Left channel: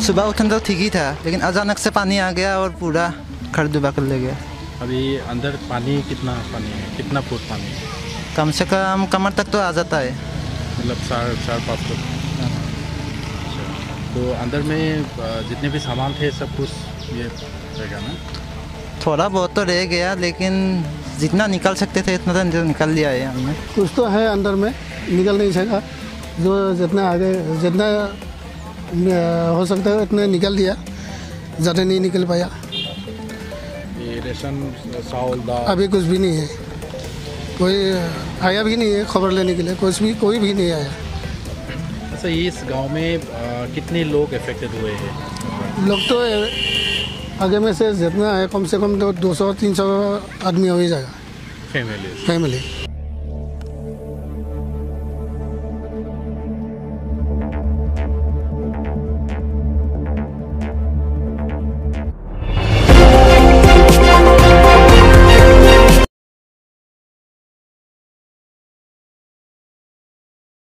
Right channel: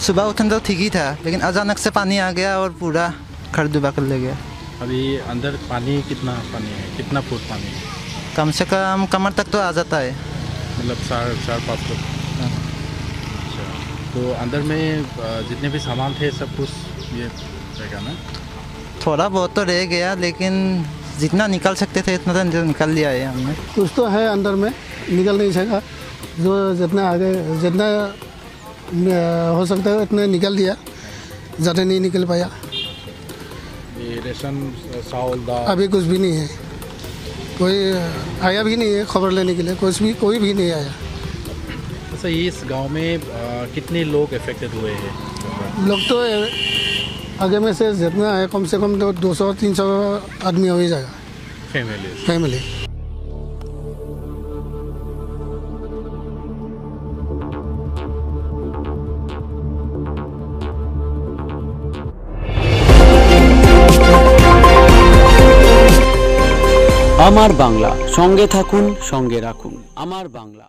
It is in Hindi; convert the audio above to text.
सुबह उठन तो ठीक ही था, लेकिन अचानक से पानी आ गया और पूरा घर डूबा कर ले गया। अभी अंदर पानी पानी है, कितना फुट पानी है? कम से कम कमर तक तो आ जाता है। मतलब 4-5 फुट। अच्छा, तो अंदर में जितने भी सामान थे सब कुछ ये रहेगा ना? थोड़ा बहुत तो रह गया, लेकिन जितना निकल सकते थे इतना तो निकल लिया है हमने। कुछ तो है अंदर में, निकल नहीं सका। जो जितना आगे जितना हो सकता है उतना निकल दिया, ज़्यादा नहीं निकल पाया। ये रेशन, चावल, दाल अभी कुछ भी नहीं है, कोई आया भी नहीं है खबर लेने के लिए, कोई भी नहीं आया। अच्छा, इस गांव में कितने लोग अफेक्टेड हुए हैं? लोग तो आगे में से जितना है कम से कम तो 200-300 आदमी हो ही जाएगा, फैमिली। আমার বাংলা, সঙ্গে থাকুন, সঙ্গে রাখুন। আমার বাংলা।